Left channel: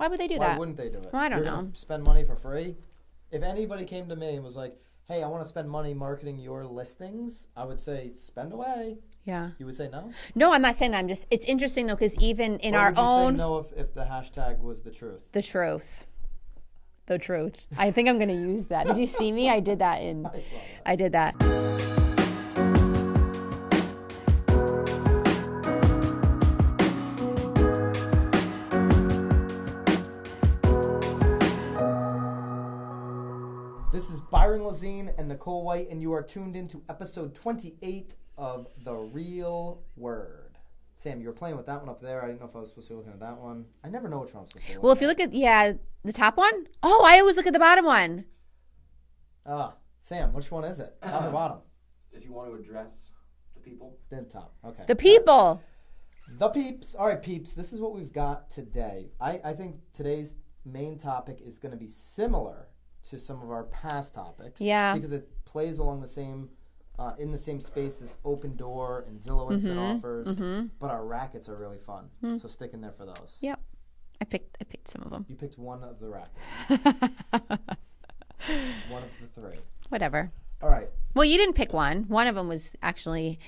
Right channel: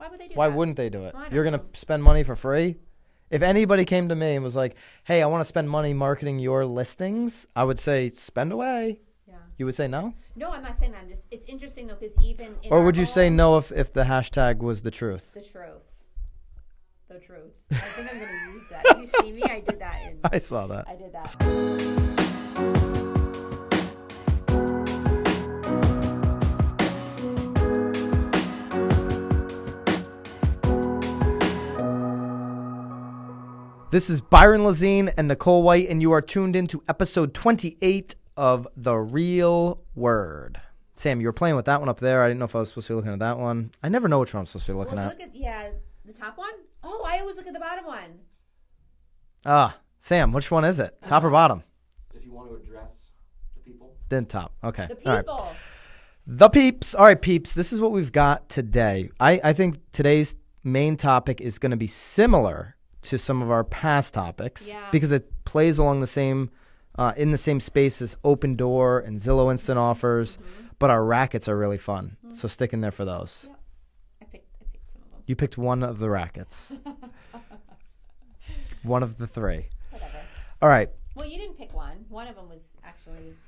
Why would they do that? Why wouldn't they do it? Well, I don't You're know. going to spend money for free? If anybody came to me and was like, hey, I want to spend money marketing your listings, I would say, spend away. Yeah. You would say no? No, I'm not saying that. It's interesting, though, because even in our own... Or would you say no if the hashtag was the truth? The truth. The truth. I think I'm going to use that. Did you see me? I did that in... I saw that. I did that. This is Byron Lazine and Nicole White, and you are tuned in to episode 28 of The Real Word. Sam, you were playing with that one up there. I didn't know if I was supposed to be looking at that one. I never know which one I'm supposed to be looking at. Well, if you look at, the top one. Oh, I always look at the bottom one. Sam, which one is it? Top or bottom? If you want to address the people. Then top. Okay. The people. All right. The peeps. All right, peeps. This is what we've got today. I think today's main topic is going to be similar to some of our past topics. Yeah. Because it plays along the same, in the same space as Open Door and Zillow Instant Offers. But our rackets are really fun. So stick in there for those. Yep. I picked some of them. You picked one of the rackets. One of the three. Whatever. All right. Well, you didn't pick one. One of them was actually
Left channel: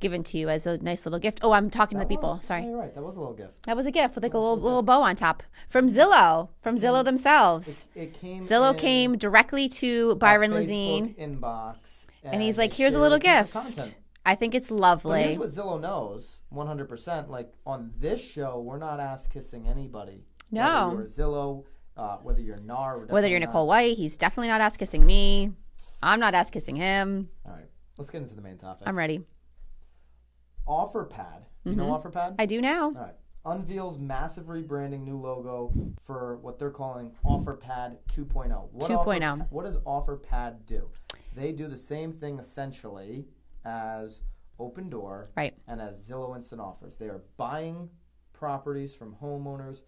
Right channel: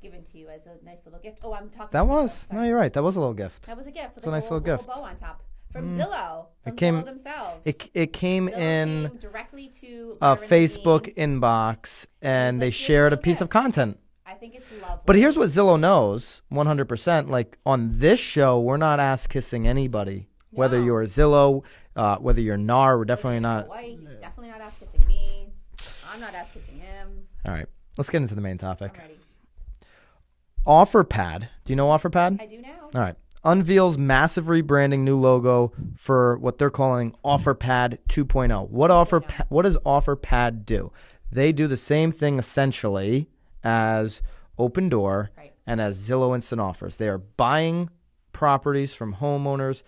given to you as a nice little gift. Oh, I'm talking to people. Sorry. No, you're right. That was a little gift. That was a gift with It's like a a nice little gift. bow on top from Zillow, Zillow themselves. It came Zillow in came directly to Byron Facebook Lazine. Inbox, and he's they like, "Here's a shared a little piece of gift." content. I think it's lovely. But here's what Zillow knows 100%. Like on this show, we're not ass-kissing anybody. No. Whether you're Zillow, whether you're NAR, we're definitely whether you're not. Nicole White, he's definitely not ass kissing me. I'm not ass kissing him. All right. Let's get into the main topic. I'm ready. Offerpad. Do you know Offerpad? I do now. All right. Unveils massive rebranding, new logo for what they're calling Offerpad 2.0. What does Offerpad do? They do the same thing essentially as Open Door and as Zillow Instant Offers. They are buying properties from homeowners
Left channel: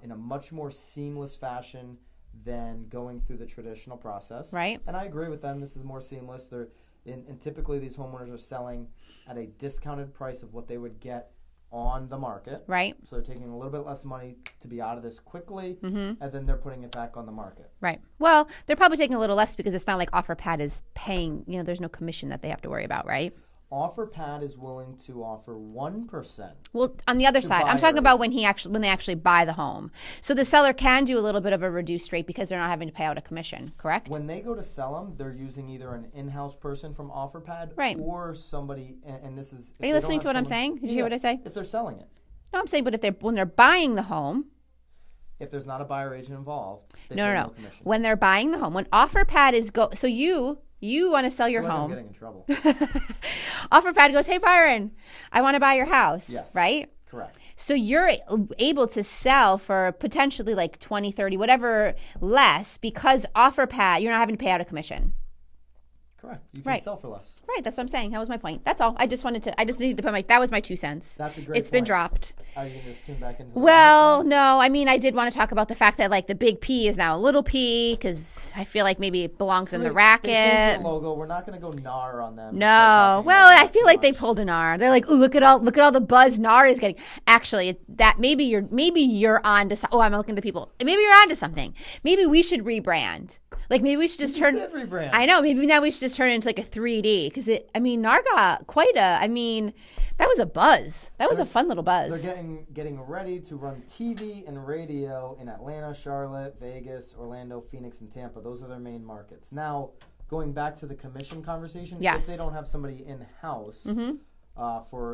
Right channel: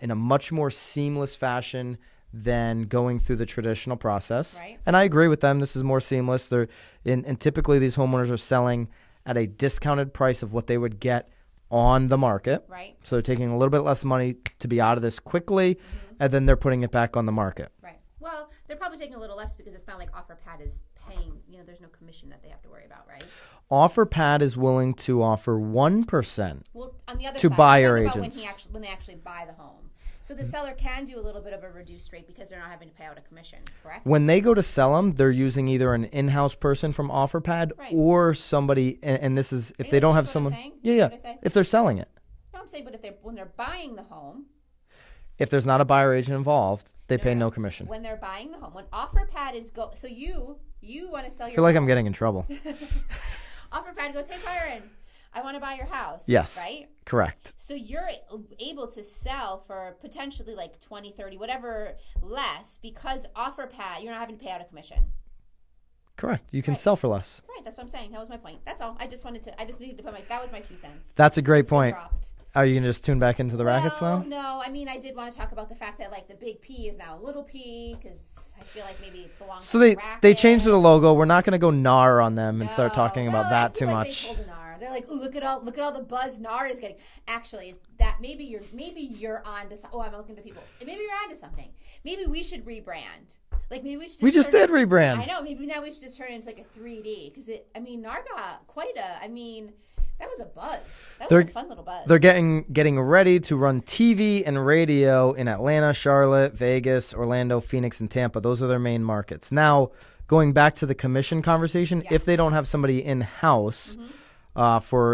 in a much more seamless fashion than going through the traditional process. Right. And I agree with them. This is more seamless. And typically these homeowners are selling at a discounted price of what they would get on the market. Right. So they're taking a little bit less money to be out of this quickly, and then they're putting it back on the market. Right. Well, they're probably taking a little less because it's not like Offerpad is paying, there's no commission that they have to worry about, right? Offerpad is willing to offer 1%. Well, on the other to side, buyer I'm talking about agents. when they actually buy the home. So the seller can do a little bit of a reduced rate because they're not having to pay out a commission, correct? When they go to sell them, they're using either an in-house person from Offerpad or somebody, and this is if they don't have someone. Are you listening to what I'm saying? Did you hear what I say? If they're selling it. No, I'm saying, but when they're buying the home. If there's not a buyer agent involved, they pay no commission. When they're buying the home, when Offerpad is so you want to sell your home. I feel like I'm getting in trouble. Offerpad goes, hey, Byron, I want to buy your house. Yes. Right? Correct. So you're able to sell for potentially like 20, 30, whatever less because Offerpad, you're not having to pay out a commission. Correct. You can sell for less. Right. That's what I'm saying. That was my point. That's all. I just needed to put that was my 2 cents. That's a great point. It's been dropped. Are you going to just tune back into the Well, no. I mean, I did want to talk about the fact that like the big P is now a little P because I feel like maybe it belongs to the Racket. They changed the logo. We're not going to go NAR on them. No. And start talking well, about that I feel too like much. they pulled a NAR. They're like, oh, look at all the buzz NAR is getting. Actually, that maybe you're on to. Oh, I'm looking at the people. Maybe you're on to something. Maybe we should rebrand. Like maybe we should just did rebrand. I know. Maybe now we should just turn it into like a 3D because NAR got quite a. That was a buzz. That was a fun little buzz. They're getting ready to run TV and radio in Atlanta, Charlotte, Vegas, Orlando, Phoenix, and Tampa. Those are their main markets. Now, going back to the commission conversation, if they don't have somebody in-house an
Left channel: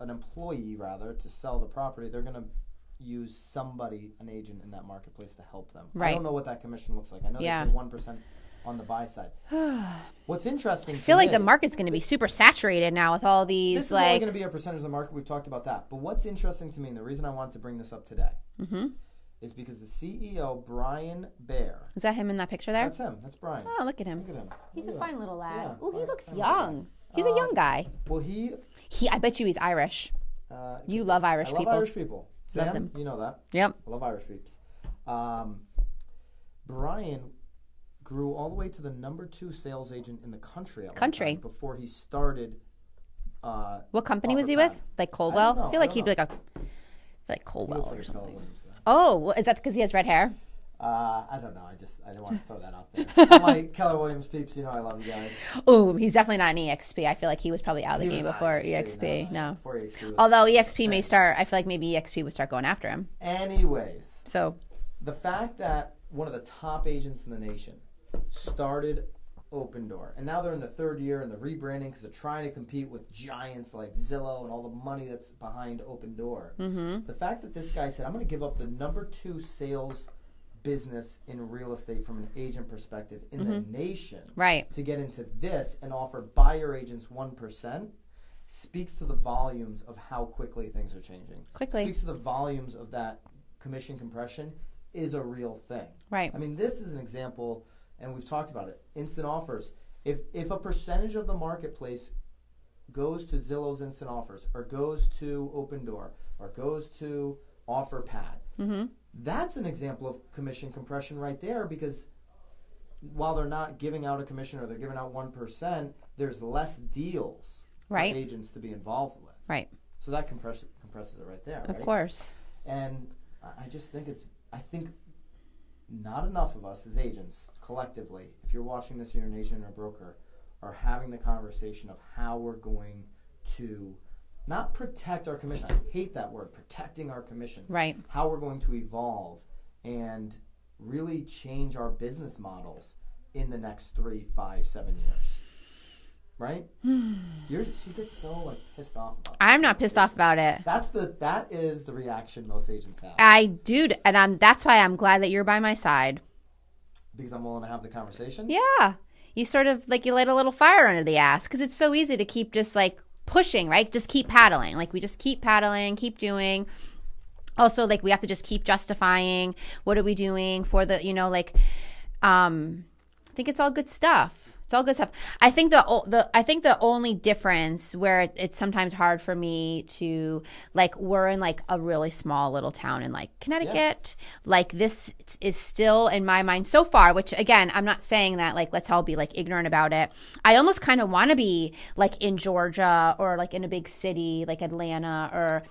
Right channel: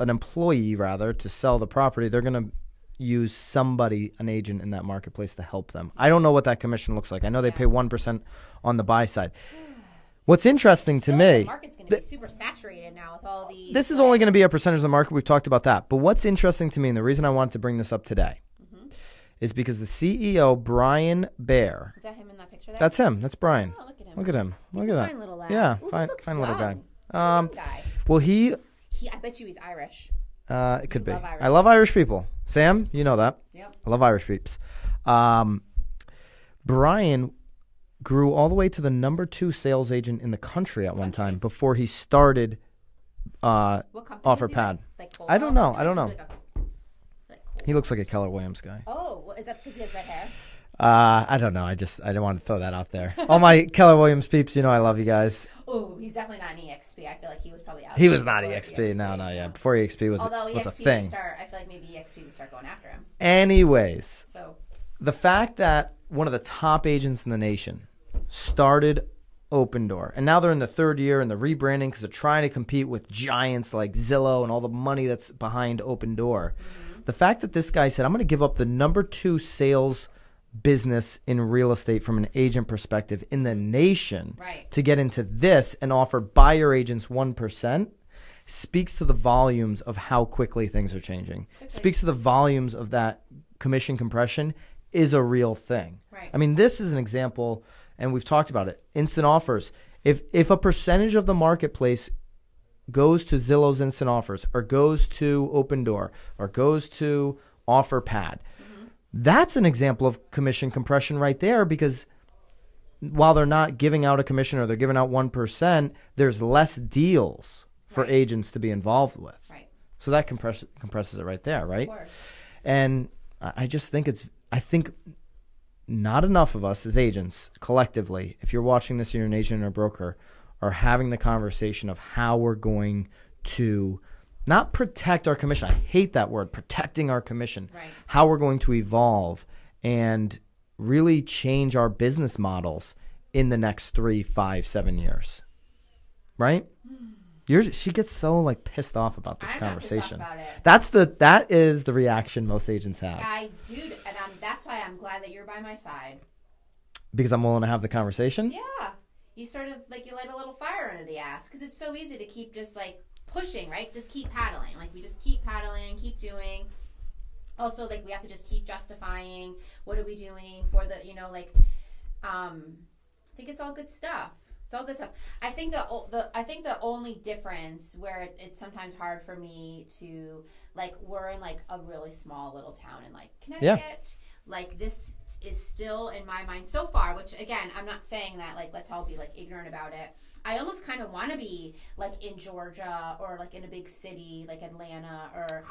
employee rather, to sell the property, they're going to use an agent in that marketplace to help them. Right. I don't know what that commission looks like. I know they pay 1% on the buy side. What's interesting to me, I feel like the market's going to be super saturated now with all these. This is only going to be a percentage of the market. We've talked about that. But what's interesting to me, and the reason I wanted to bring this up today, is because the CEO, Brian Baer. Is that him in that picture there? That's him. That's Brian. Oh, look at him. Look at him. He's a fine little lad. Yeah, Ooh, he looks fine young. little guy. He's a young guy. Well, I bet you he's Irish. It could be. Love Irish I love people. Irish people. Sam, you know that. Yep. I love Irish peeps. Brian grew all the way to the number 2 sales agent in the country at one time before he started what company was he with? Offerpad. Like Coldwell? I don't know. I feel like he'd be like Like Cole. He looks like a Keller Williams guy. Oh, well, is that because he has red hair? I don't know. I don't want to throw that out there. All my Keller Williams peeps, I love you guys. Oh, he's definitely not an EXP. I feel like he was probably out. He was not EXP. No. Yeah. Before EXP was. Although was EXP may start, I feel like maybe EXP would start going after him. Anyways, so the fact that one of the top agents in the nation started Open Door, and now they're in the third year and they're rebranding because they're trying to compete with giants like Zillow and all the money that's behind Open Door. Mm-hmm. The fact that this guy said, I'm going to give up the number 2 sales business in real estate from an agent perspective in the nation to get into this and offer buyer agents 1% speaks to the volumes of how quickly things are changing. Speaks to the volumes of that commission compression is a real thing. Right. I mean, this is an example, and we've talked about it, instant offers. If a percentage of the marketplace goes to Zillow's instant offers or goes to Open Door or goes to Offerpad, that's an example of commission compression right there, because while they're not giving out a commission or they're giving out 1%, there's less deals for agents to be involved with. Right. So that compresses it right there, right? Of course. And I just think I think not enough of us as agents collectively, if you're watching this and you're an agent or a broker, are having the conversation of how we're going to not protect our commission. I hate that word, protecting our commission. Right. How we're going to evolve and really change our business models in the next 3, 5, 7 years. Right? She gets so like pissed off about this. I'm not pissed off about it. That is the reaction most agents have. And that's why I'm glad that you're by my side. Because I'm willing to have the conversation? Yeah. You sort of like you light a little fire under the ass, because it's so easy to keep just like pushing, right? Just keep paddling. Like we just keep paddling, keep doing. Also, like we have to just keep justifying what are we doing for the, I think it's all good stuff. It's all good stuff. I think the only difference where it's sometimes hard for me to, like, we're in like a really small little town in like Connecticut. Yeah. Like this is still in my mind so far, which again, I'm not saying that like let's all be like ignorant about it. I almost kind of want to be like in Georgia or like in a big city like Atlanta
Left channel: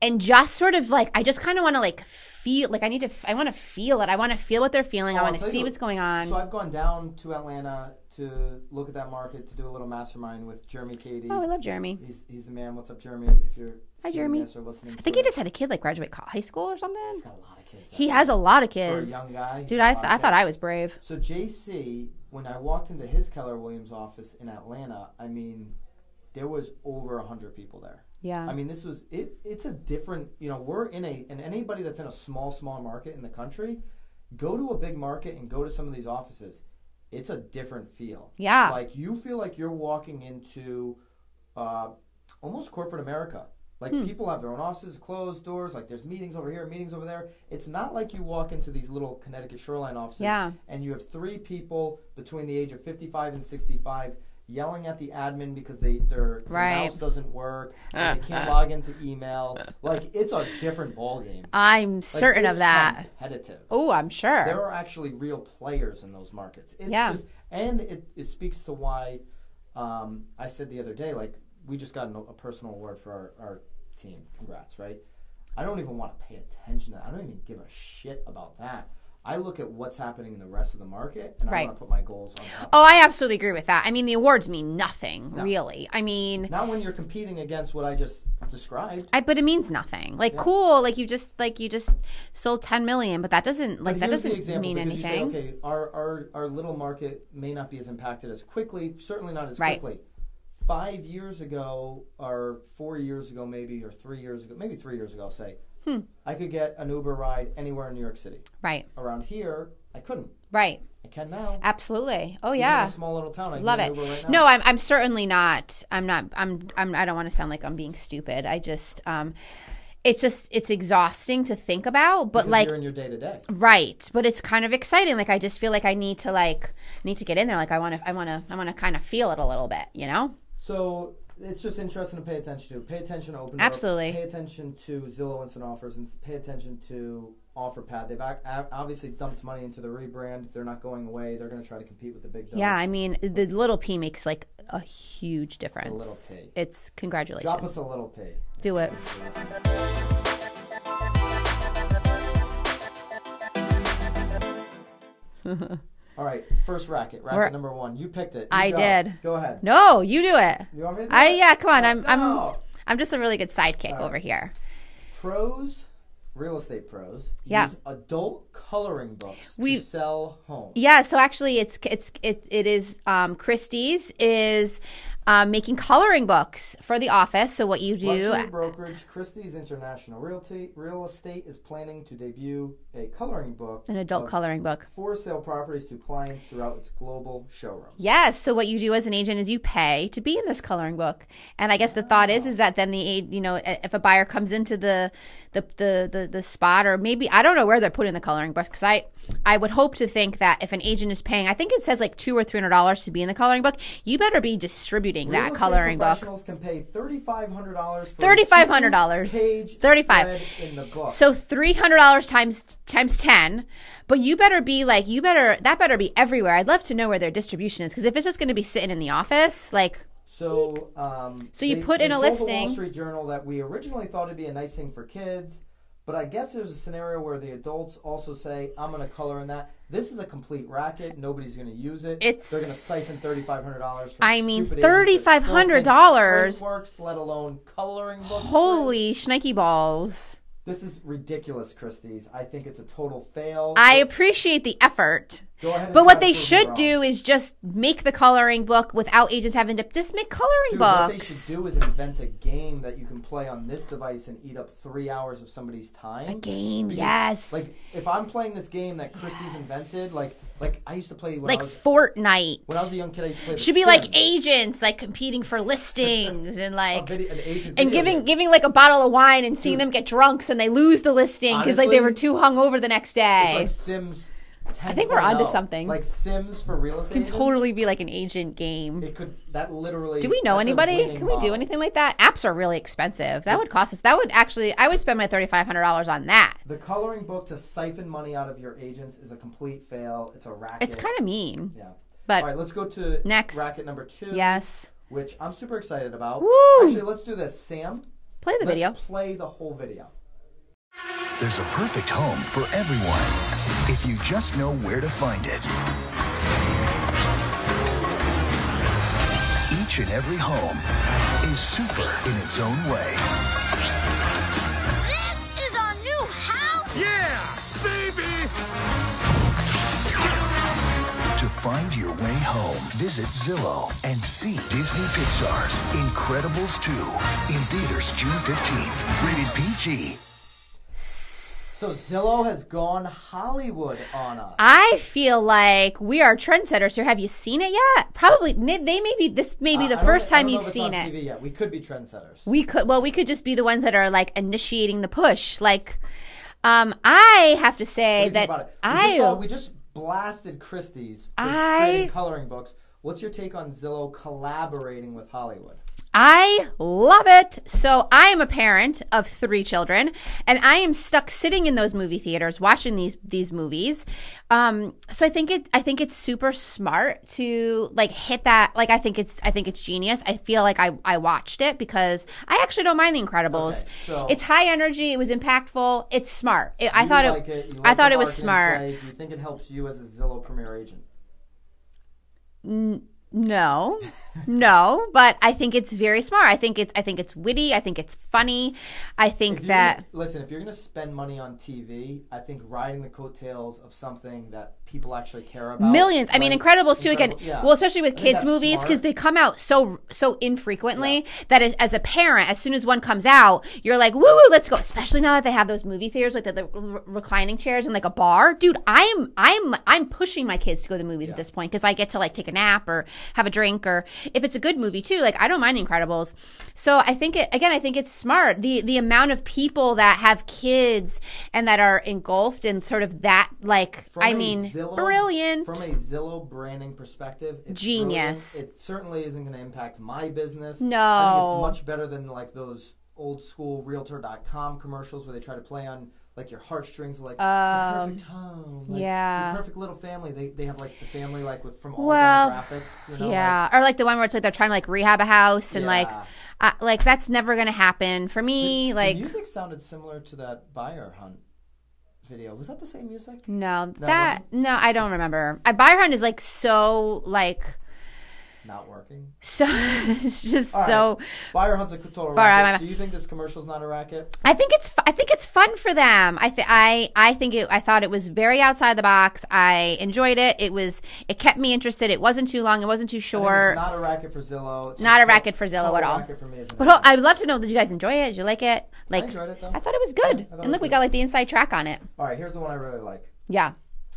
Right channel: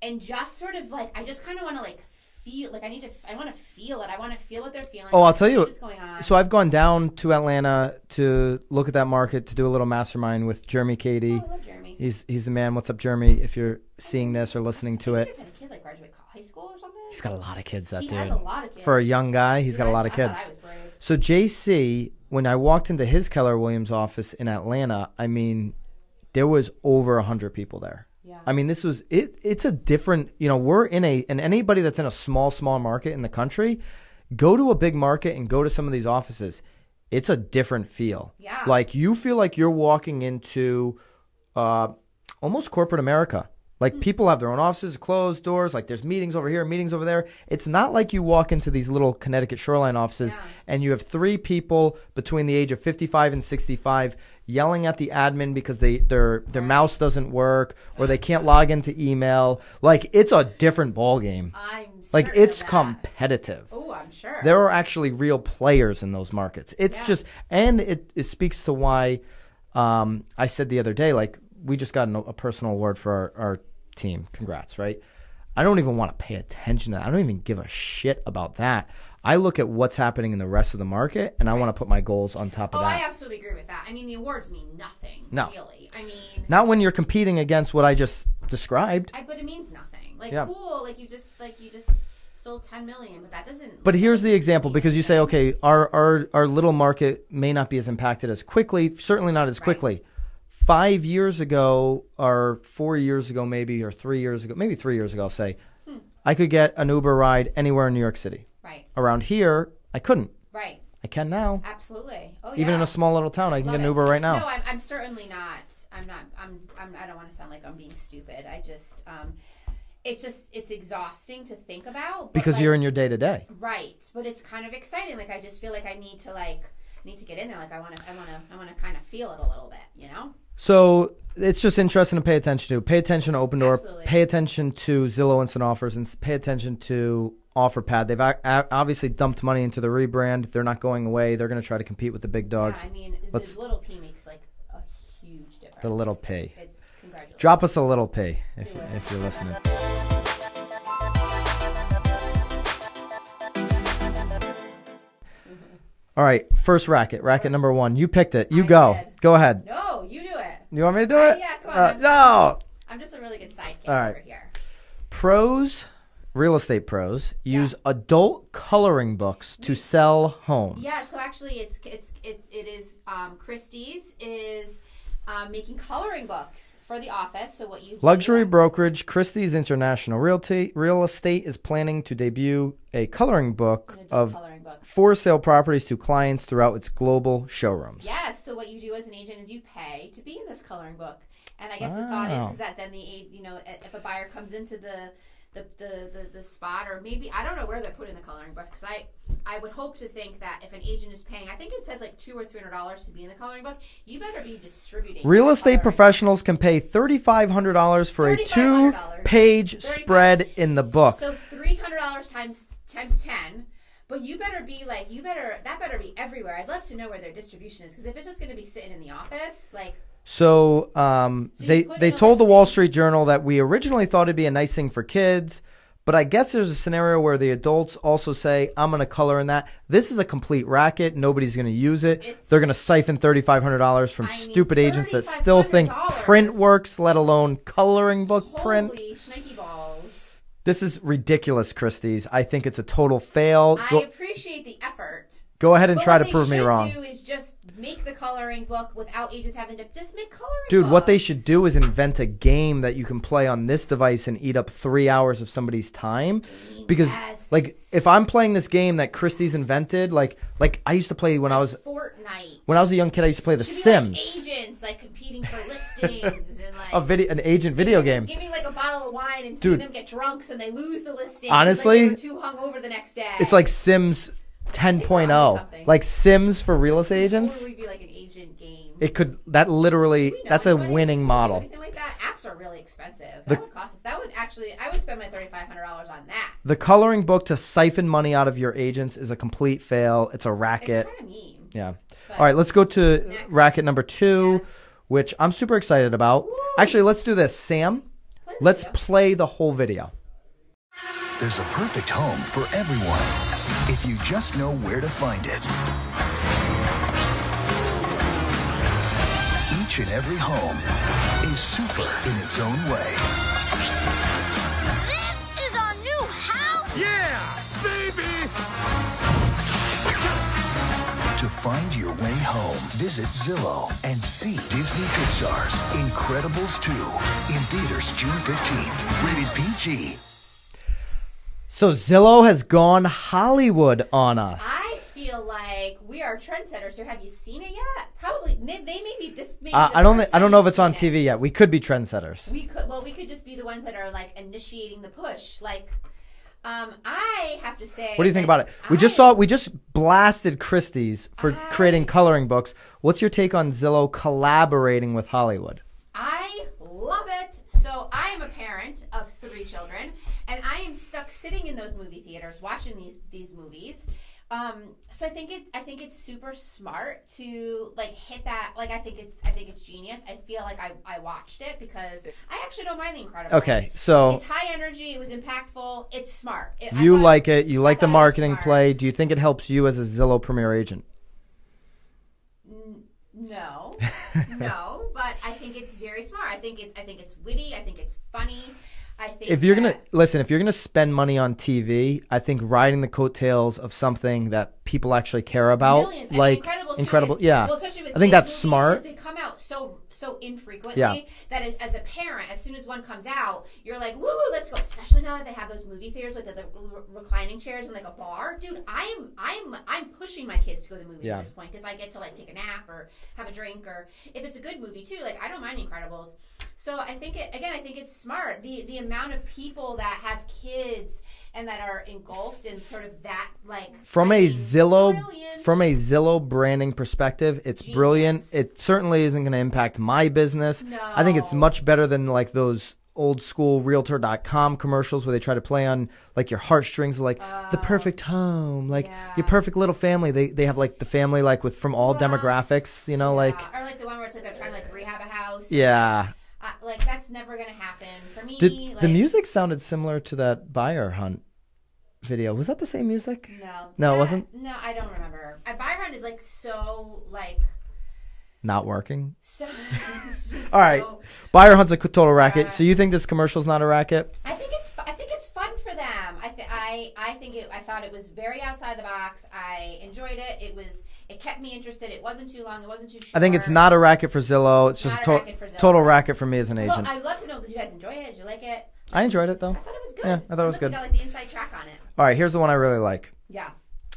and just sort of like I just kind of want to like feel like I want to feel it. I want to feel what they're feeling. I want to see what's going on. So I've gone down to Atlanta to look at that market, to do a little mastermind with Jeremy Cady. Oh, I love Jeremy. He's the man. What's up, Jeremy? If you're seeing this or listening to it. I think he just had a kid like graduate high school or something. He's got a lot of kids. He has a lot of kids. For a young guy, he's got a lot of kids. I thought I was brave. So JC, when I walked into his Keller Williams office in Atlanta, I mean, there was over 100 people there. Yeah. I mean, this was it's a different, we're and anybody that's in a small market in the country, go to a big market and go to some of these offices. It's a different feel. Yeah. Like you feel like you're walking into almost corporate America. Like people have their own offices, closed doors, like there's meetings over here, meetings over there. It's not like you walk into these little Connecticut Shoreline offices and you have 3 people between the age of 55 and 65 yelling at the admin because their mouse doesn't work or they can't log into email. Like it's a different ballgame. I'm certain of that. It's competitive. Oh, I'm sure. There are actually real players in those markets. It's just, and it speaks to why I said the other day, like we just got a personal award for our team. Congrats, right? I don't even want to pay attention to that. I don't even give a shit about that. I look at what's happening in the rest of the market, and I want to put my goals on top of that. I absolutely agree with that. I mean, the awards mean nothing, really. I mean... Not when you're competing against what I just described. But it means nothing. Like, cool, like you just sold 10 million, but that doesn't... But here's the example, because anything. you say, okay, our little market may not be as impacted as quickly, certainly not as quickly. 5 years ago, or 4 years ago maybe, or 3 years ago, maybe 3 years ago, I'll say, I could get an Uber ride anywhere in New York City. Right. Around here, I couldn't. Right. I can now. Absolutely. Oh, yeah. Even in a small little town, I can get an Uber right now. No, I'm certainly not. I don't want to sound like I'm being stupid. I just, it's exhausting to think about. But because you're in your day to day. Right. But it's kind of exciting. Like I just feel like I need to get in there. Like I want to kind of feel it a little bit, So it's just interesting to pay attention to. Pay attention to Open Door. Absolutely. Pay attention to Zillow Instant Offers, and pay attention to Offerpad. They've obviously dumped money into the rebrand. They're not going away. They're going to try to compete with the big dogs. Yeah, I mean, the little P makes like a huge difference. The little P. It's congratulations. Drop us a little P. Do it. If you're listening. All right, first racket number 1. You picked it. You did. Go ahead. No, you do it. You want me to do it? Yeah, come on. No. I'm just a really good sidekick over here. Real estate pros use adult coloring books to sell homes. Yeah, so actually it is Christie's is making coloring books for the office. So what you do, luxury brokerage Christie's International Real Estate is planning to debut a coloring book, an adult coloring book, for sale properties to clients throughout its global showrooms. Yes. So what you do as an agent is you pay to be in this coloring book, and I guess the thought is that then if a buyer comes into the spot, or maybe I don't know where they're putting the coloring books, because I would hope to think that if an agent is paying, I think it says like $200 or $300 to be in the coloring book, you better be distributing. Real estate professionals can pay $3,500 for a 2-page spread in the book. So $300 times 10. But that better be everywhere. I'd love to know where their distribution is, because if it's just going to be sitting in the office, like. So they told the Wall Street Journal that we originally thought it'd be a nice thing for kids, but I guess there's a scenario where the adults also say, I'm going to color in that. This is a complete racket. Nobody's going to use it. They're going to siphon $3,500 from stupid agents that still think print works, let alone coloring book print. Holy shnikey balls. This is ridiculous, Christie's. I think it's a total fail. I appreciate the effort. Go ahead and try to prove me wrong. But what they should do is just make the coloring book without agents having to just make coloring books. Dude, what they should do is invent a game that you can play on this device and eat up 3 hours of somebody's time. Because, like, if I'm playing this game that Christie's invented, like I used to play when I was Fortnite. When I was a young kid, I used to play The Sims. Should be like agents, like competing for listings and like an agent video game. Giving like a bottle of wine and seeing them get drunk and they lose the listing because like they were too hungover the next day. It's like Sims 10.0, like Sims for real estate agents. It could totally be like an agent game. It could. That literally. Do we know that's anybody a winning who model. do anything like that? Apps are really expensive. That would cost us. That would actually. I would spend my $3,500 on that. The coloring book to siphon money out of your agents is a complete fail. It's a racket. It's kind of mean. Yeah. But all right, let's go to next racket number 2. Yes. Which I'm super excited about. Woo! Actually, let's do this, Sam. Let's play the whole video. There's a perfect home for everyone if you just know where to find it. Each and every home is super in its own way. This is our new house? Yeah, baby! To find your way home, visit Zillow and see Disney Pixar's Incredibles 2 in theaters June 15th. Rated PG. So Zillow has gone Hollywood on us. I feel like we are trendsetters here. Have you seen it yet? Probably. This may be the first time. I don't know if it's on TV yet. We could be trendsetters. We could just be the ones that are like initiating the push. Like, I have to say. What do you think about it? We just blasted Christie's for creating coloring books. What's your take on Zillow collaborating with Hollywood? I love it. So I am a parent of 3 children, and I am stuck sitting in those movie theaters watching these movies. So I think it's super smart to like hit that. Like I think it's genius. I feel like I watched it because I actually don't mind The Incredibles. Okay, so it's high energy. It was impactful. It's smart. You like it. You like the marketing play. Do you think it helps you as a Zillow Premier agent? No, but I think it's very smart. I think it's witty. I think it's funny. I think if you're gonna spend money on TV, I think riding the coattails of something that people actually care about. Millions. I mean, Incredibles too. Again, yeah. Well, especially with kids movies because they come out so infrequently that as a parent, as soon as one comes out, you're like, woo woo, let's go. Especially now that they have those movie theaters like the reclining chairs and like a bar. Dude, I'm pushing my kids to go to the movies at this point because I get to like take a nap or have a drink, or if it's a good movie too, like I don't mind Incredibles. So I think it's smart. The amount of people that have kids and that are engulfed in sort of that, like, brilliant. From a Zillow branding perspective, it's genius. Brilliant. It certainly isn't going to impact my business. No. I think it's much better than like those old school realtor.com commercials where they try to play on like your heartstrings, like the perfect home, like your perfect little family. They have like the family like with from all demographics, you know, like, or like the one where it's like they're trying to like rehab a house and like that's never gonna happen for me. The music sounded similar to that buyer hunt video. Was that the same music? No, it wasn't. No, I don't remember. Byron is like so like. Not working. So it's just all right. so. Buyer Hunt's a total racket. Right. So you think this commercial's not a racket? I think it's fun for them. I thought it was very outside the box. I enjoyed it. It kept me interested. It wasn't too long. It wasn't too short. I think it's not a racket for Zillow. It's not a racket for Zillow. Total racket for me as an agent. Well, I would love to know. Did you guys enjoy it? Did you like it? Like, I enjoyed it though. I thought it was good. Yeah, I thought it was look, good. we got like the inside track on it. All right, here's the one I really like. Yeah.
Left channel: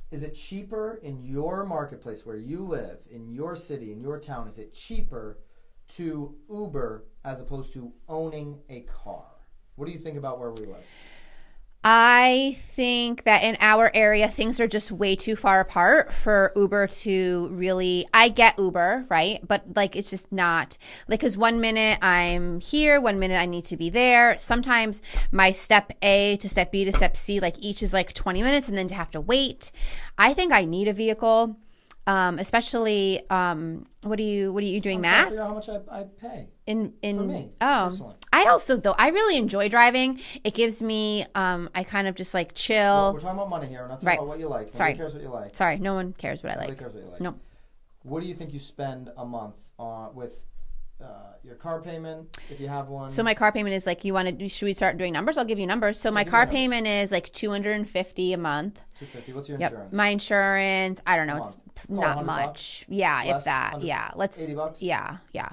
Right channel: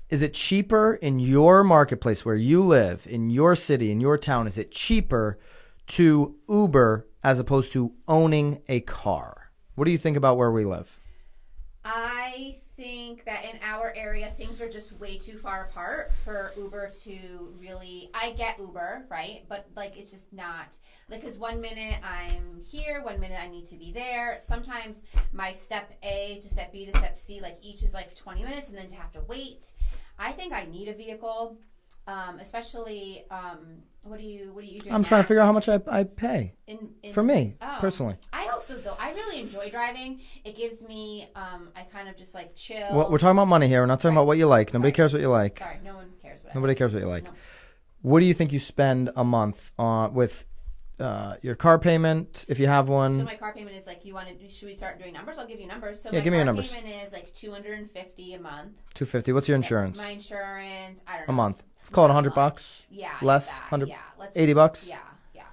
Is it cheaper in your marketplace where you live, in your city, in your town? Is it cheaper to Uber as opposed to owning a car? What do you think about where we live? I think that in our area, things are just way too far apart for Uber to really. I get Uber, right? But like, it's just not like, because 1 minute I'm here, 1 minute I need to be there. Sometimes my step A to step B to step C, like each is like 20 minutes, and then to have to wait. I think I need a vehicle. Especially, what are you doing? I'm math? trying to figure out how much I pay in for me personally. I also I really enjoy driving. It gives me I kind of just like chill. Well, we're talking about money here. We're not talking about what you like. Nobody cares what you like. Sorry, no one cares what I like. Nobody cares what you like. No. What do you think you spend a month with your car payment, if you have one? So my car payment is like, should we start doing numbers? I'll give you numbers. So my give me car payment is like $250 a month. $250. What's your insurance? Yep. My insurance, I don't know. A month. Let's call it $100. Yeah, less, if that. 100, yeah, let's $80. Yeah.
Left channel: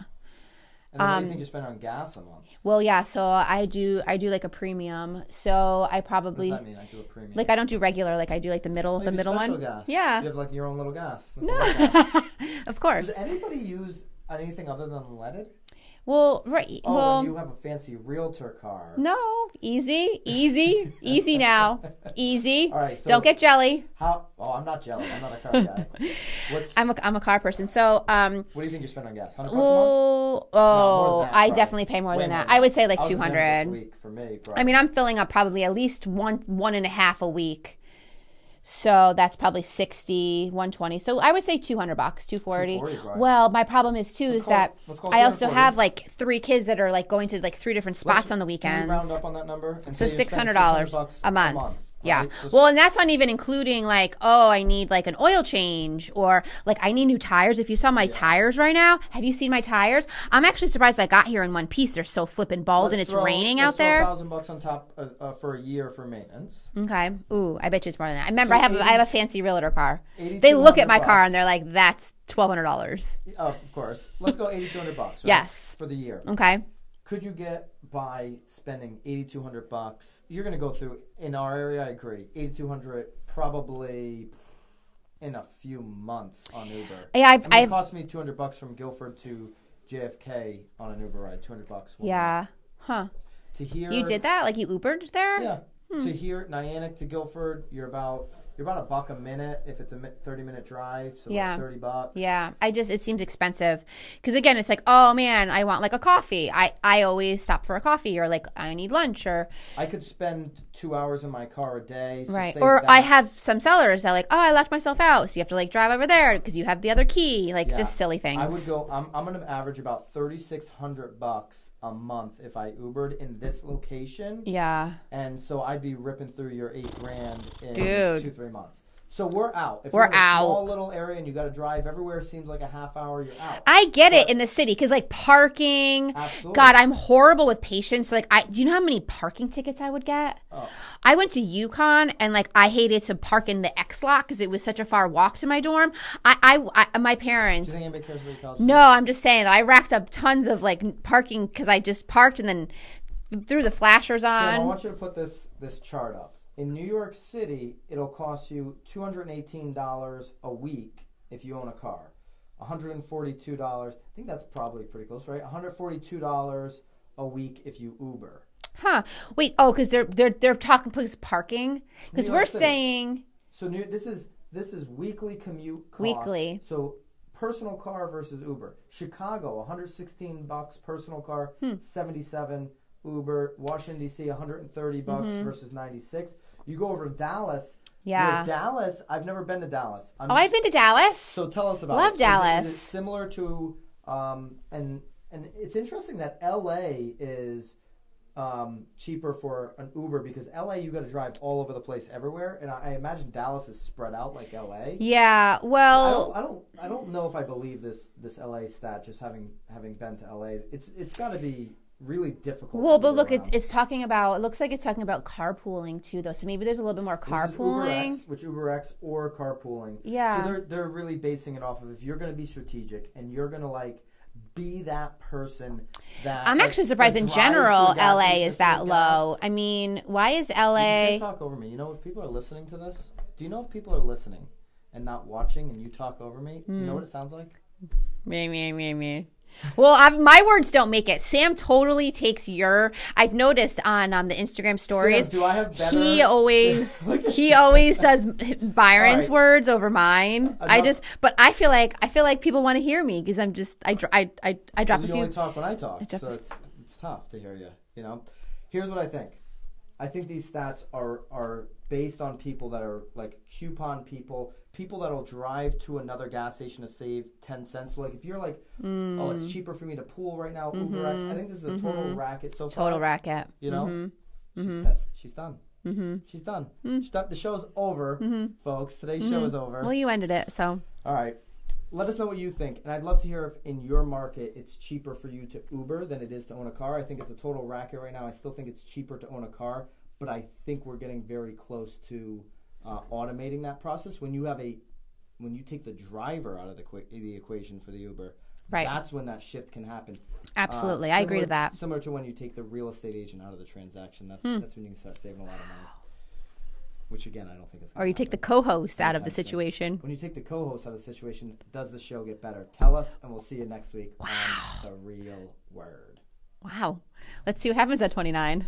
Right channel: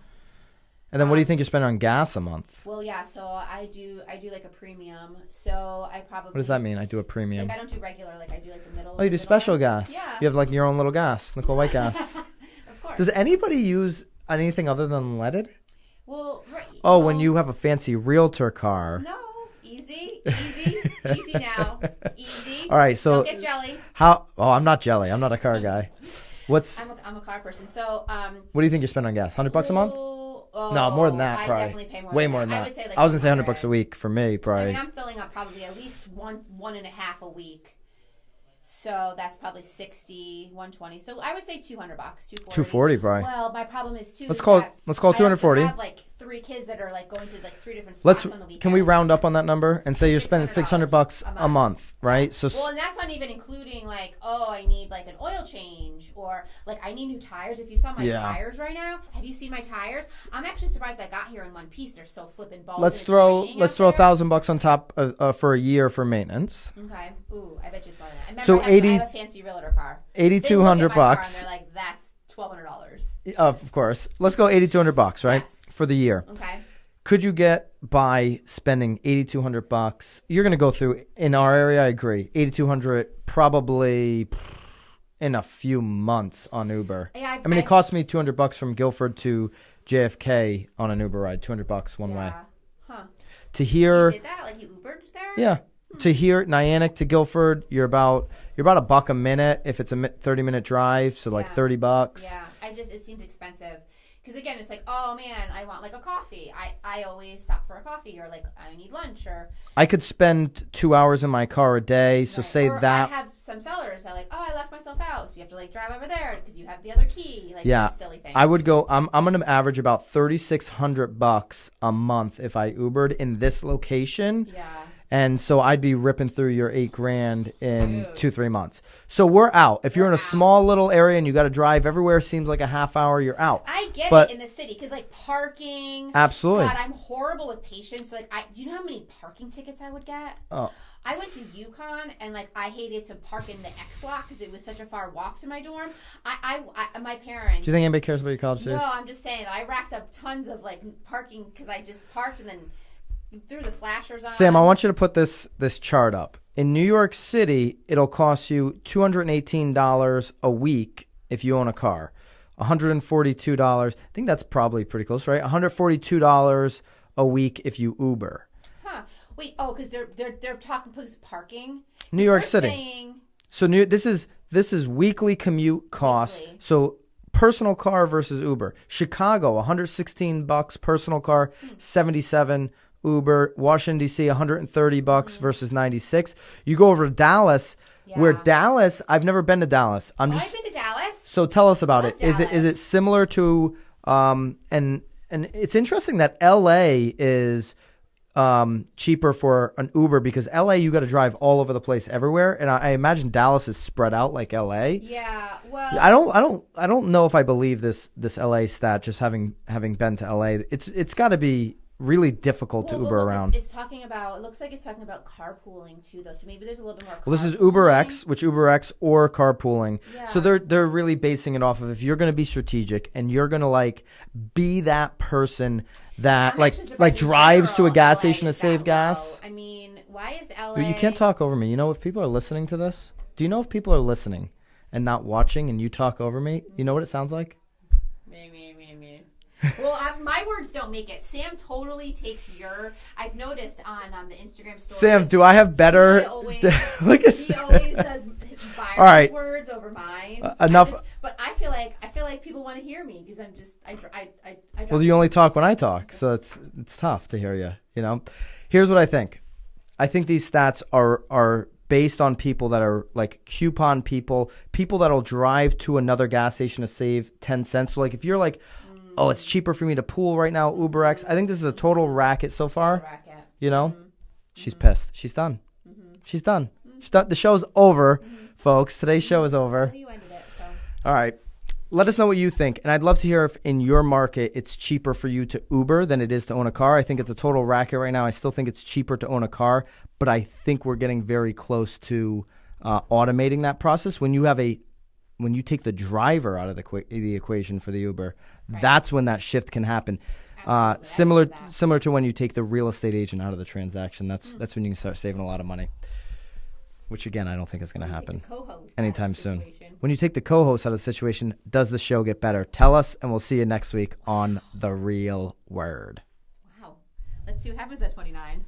And then what do you think you're spending on gas a month? Well, yeah. So I do like a premium. So I probably. What does that mean? I do a premium. Like I don't do regular. Like I do like the middle. Oh, you do special one. gas. Yeah. You have like your own little gas, Nicole White gas. Of course. Does anybody use anything other than leaded? Well, right. Oh, well, when you have a fancy realtor car. No. Easy now. Easy. All right, so don't get jelly. How? Oh, I'm not jelly. I'm not a car guy. I'm a car person. So what do you think you spend on gas? $100 a month? Oh, No, more than that. I probably. definitely pay more Way than more that. than I would say like 200. I was gonna say $100 a week for me. Probably. I mean, I'm filling up probably at least one and a half a week. So that's probably 60, 120. So I would say $200, 240. 240, probably. Well, my problem is too let's call it 240. I also have like 3 kids that are like going to like 3 different spots on the weekend. Can we round up on that number and say you spend $600 a month, right? Yeah. So and that's not even including like, oh, I need like an oil change, or like I need new tires. If you saw my tires right now, have you seen my tires? I'm actually surprised I got here in one piece. They're so flipping bald and it's raining out there. Let's throw $1,000 on top for a year for maintenance. Okay. Ooh, I bet you it's more than that. I remember I have a fancy realtor car. $8,200. They look at my car and they're like, that's $1,200. Of course. Let's go $8,200, right? Yes. For the year. Okay. Could you get by spending $8,200? You're going to go through, in our area, I agree, $8,200 probably in a few months on Uber. Yeah, it cost me $200 from Guilford to JFK on an Uber ride, $200 one way. Yeah. Huh. To hear. You did that? Like you Ubered there? Yeah. To here, Niantic to Guilford, you're about $1 a minute if it's a 30-minute drive, so like $30. Yeah, it seems expensive because again, it's like, oh man, I want like a coffee. I always stop for a coffee, or like I need lunch, or I could spend 2 hours in my car a day, so say or that. I have some sellers that like, oh, I left myself out, so you have to like drive over there because you have the other key, like just silly things. I would go. I'm going to average about $3,600 a month if I Ubered in this location. Yeah, and so I'd be ripping through your $8,000 in 2-3 months. So we're out. If you're in a small little area and you got to drive everywhere, seems like a half hour, you're out. I get it in the city because like parking. Absolutely. God, I'm horrible with patience. Like, do you know how many parking tickets I would get? Oh. I went to Yukon and like I hated to park in the X lot because it was such a far walk to my dorm. My parents. Do you think anybody cares about your college fees? No, I'm just saying that I racked up tons of like parking because I just parked and then threw the flashers on. Sam, I want you to put this chart up. In New York City, it'll cost you $218 a week if you own a car. $142. I think that's probably pretty close, right? $142 a week if you Uber. Huh. Wait. Oh, because they're talking because parking. New York we're City. Saying so this is weekly commute costs. Weekly. So personal car versus Uber. Chicago, $116 personal car, $77 Uber. Washington D.C. $130 versus $96. You go over to Dallas. Yeah. Where Dallas, I've never been to Dallas. I've been to Dallas. So tell us about it. Dallas. Is it similar to and it's interesting that LA is cheaper for an Uber because LA, you got to drive all over the place everywhere. And I imagine Dallas is spread out like LA. Yeah. Well, I don't know if I believe this LA stat, just having been to LA. It's got to be really difficult to Uber around. It's talking about. It looks like it's talking about carpooling too, though. So maybe there's a little bit more carpooling. Well, this is UberX or carpooling. Yeah. So they're really basing it off of if you're going to be strategic and you're going to like be that person that I'm actually surprised in drives general, to a gas LA station is to save that gas. low. I mean, why is LA? You can't talk over me. You know, if people are listening to this, do you know if people are listening and not watching and you talk over me? You know what it sounds like? Me. Well, my words don't make it. Sam totally takes your. I've noticed on the Instagram stories. Sam, do I have better? He always says Byron's words over mine. But I feel like people want to hear me because I drop. Well, you only talk when I talk, so it's tough to hear you. You know, here's what I think. I think these stats are based on people that are like coupon people that'll drive to another gas station to save 10 cents. So like if you're like, oh, it's cheaper for me to pool right now, UberX. I think this is a total racket so far. Total racket. You know, she's pissed. She's done. She's done. She's done. The show's over, folks. Today's show is over. Well, you ended it, so. All right. Let us know what you think. And I'd love to hear if in your market it's cheaper for you to Uber than it is to own a car. I think it's a total racket right now. I still think it's cheaper to own a car. But I think we're getting very close to automating that process. When you take the driver out of the equation for the Uber, that's when that shift can happen. Absolutely, I agree with that. Similar to when you take the real estate agent out of the transaction. That's when you can start saving a lot of money. Which again, I don't think is going to happen. Or you take the co-host out of the situation. When you take the co-host out of the situation, does the show get better? Tell us, and we'll see you next week on The Real Word. Wow. Let's see what happens at 29.